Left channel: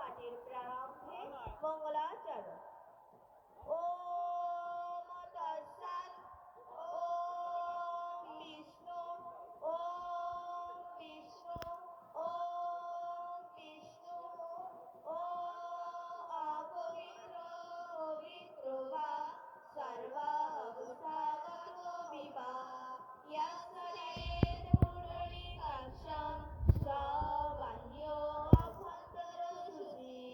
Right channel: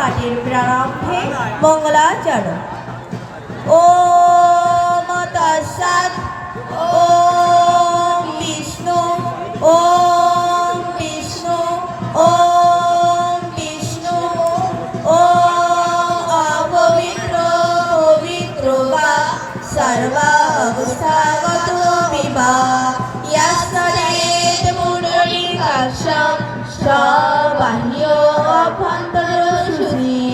পাঠের প্রারম্ভে মঙ্গলাচরণ। ওম তৎসৎ। ওম বিষ্ণু। ওম বিষ্ণু। ওম বিষ্ণু। ওম অপবিত্র পবিত্র বা সর্বাবস্থাগত বিবা ইয়াসরেত পুণ্ডরীকাক্ষং সবাহ্য অভ্যন্তর শুচি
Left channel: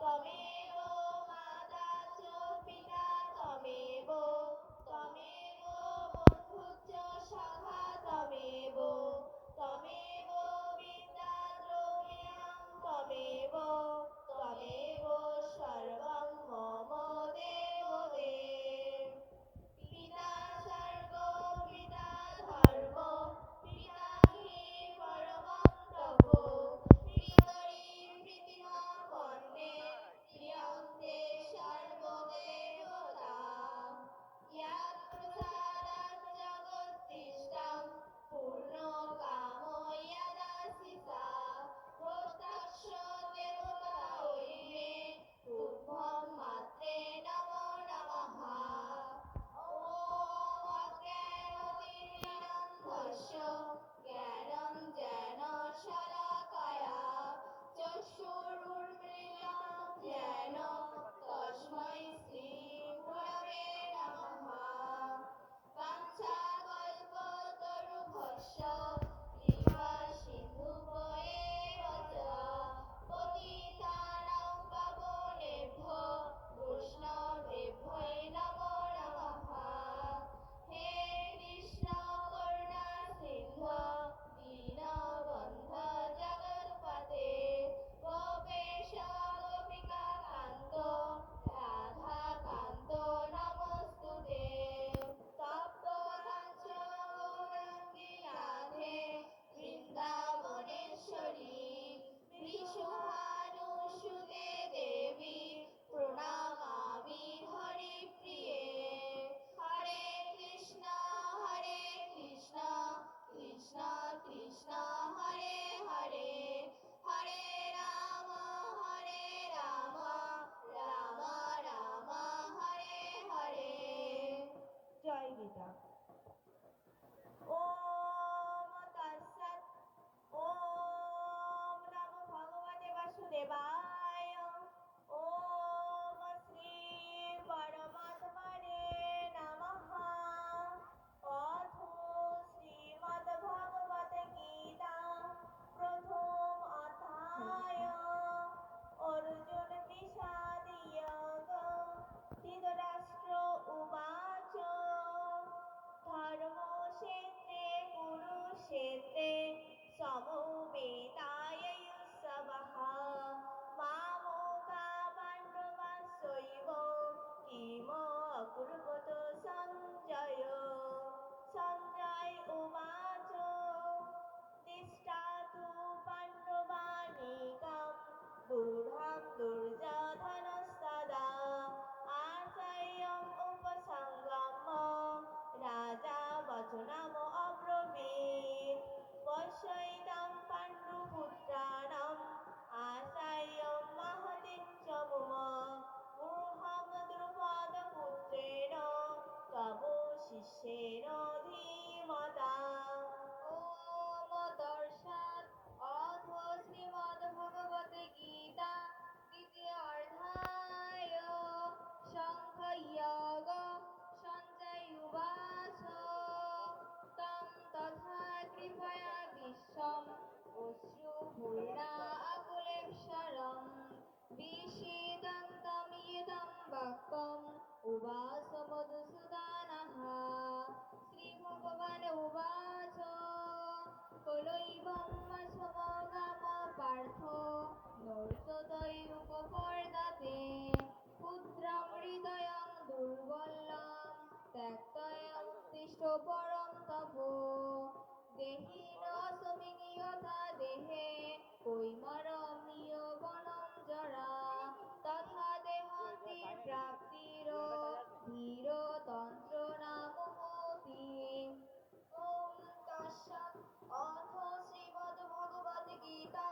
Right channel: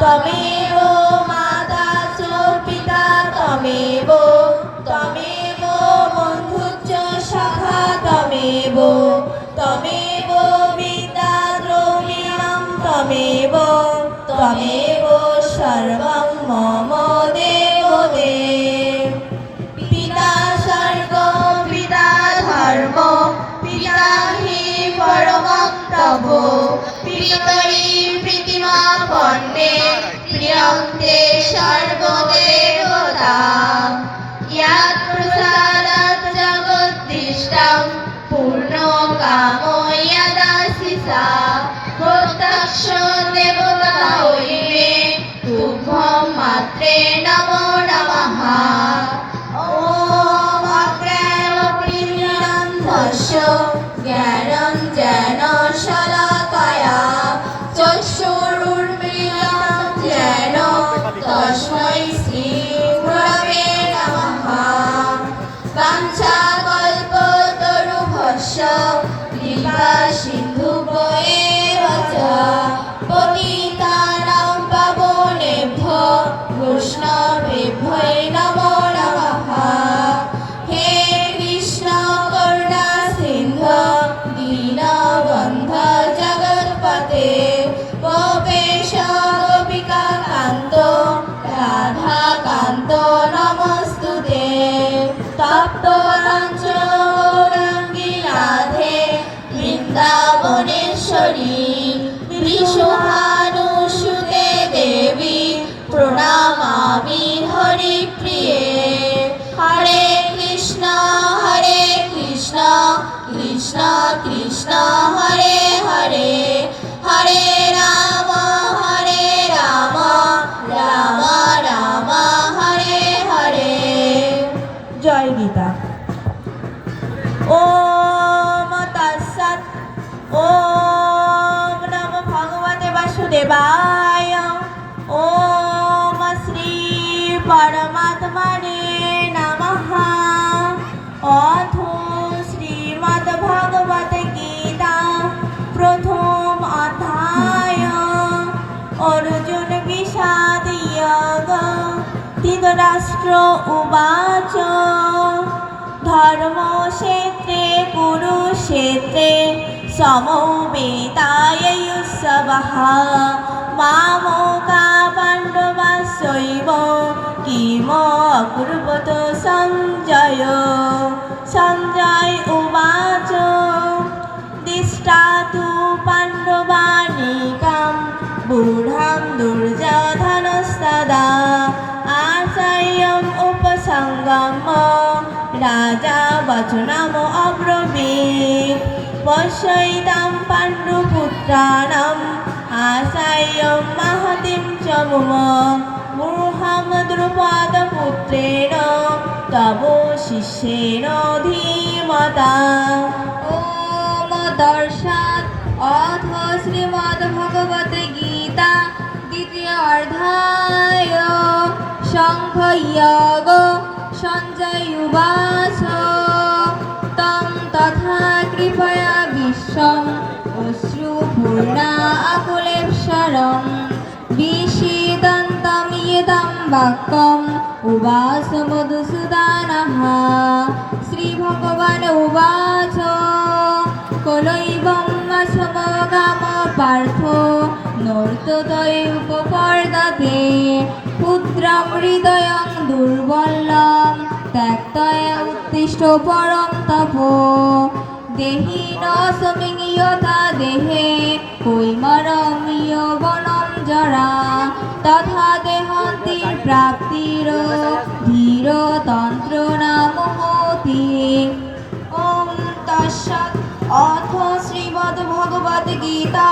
তমেব মাতা চ পিতা তমেব তমেব বন্ধুশ্চ সখা তমেব তমেব বিদ্যা দ্রবিণং তমেব তমেব সর্বং মম দেবদেব। পিতা স্বর্গ পিতা ধর্ম পিতা হি পরমং তব পিতরি প্রীতিমাপন্নে প্রিয়ন্তে সর্বদেবতা ইয়াৎ প্রসাদাৎ জগদ্দিষ্টং পূর্ণ কামো যদাশিসা প্রত্যক্ষ দেবতা হইবে তুভ্যং মাত্রে নমো নমঃ। ওম অজ্ঞানতিমিরান্ধস্য জ্ঞানাঞ্জনা শলাকায়া চক্ষুरुन्मीलितं येन तस्मै श्रीगुरवे नमः। वाञ्छाकल्पतरुभ्यश्च कृपासिन्धुभ्येव च पतितानां पावनेभ्यो वैष्णवेभ्यो नमो नमः। हे कृष्ण करुणा सिन्धु दीनबन्धु जगत्पते गोपेश गोपिका कान्त राधाकान्त नमस्तुते। तप्त काञ्चन गौराङ्गी राधे वृन्दावनेश्वरी विश्वभानुसुते देवी प्रणमामि हरिप्रिये। हरे कृष्ण कृष्ण कृष्ण हरे हरे हरे राम राम राम हरे हरे। जय गीता। ओम तत्सत्। ओम नमो भगवते वासुदेवाय। ओम श्री परमात्मने नमः। अथ श्रीमद्भगवत गीता प्रथम अध्याय अर्जुन विषाद योग। धृतराष्ट्र उवाच धर्मक्षेत्रे कुरुक्षेत्रे समवेतायुत्सवः मामका पाण्डवाश्चैव किम अकुर्वत सञ्जय। सञ्जय उवाच दिष्टा तु पाण्डवानीकां बूढां दुर्योधनस्तदा आचार्यम् उपसङ्गम्य राजा वचनम् अब्रवीत् पश्यैतां पाण्डुपुत्राणाम् आचार्यं महतीं च मम मूढं द्रुपदपुत्रेण तव शिष्येण धीमता। ओम दर्शत्। अथ श्रीमद्भगवद्गीता द्वितीय अध्याय सांख्ययोग। सञ्जय उवाच तं तथा कृपया विश्वम् अश्रुपूर्णा आकुलेक्षरं विषीदन्तं यदं वाक्यम् उवाच मधुसूदनः। श्रीभगवान् उवाच कलैवं समगाम पार्थो नर्ततयोपपर्दते पुत्रं हृदयं दुर्बलं त्यक्त्वा उत्तिष्ठ परं तपो देहि न समिं यथा देहे कैमरं यौवनं जरा तथा देहन्ति प्राप्तिर धीरतन्त्र न मोहति। ॐ तत्सत्। अथ श्रीमद्भगवद्गीता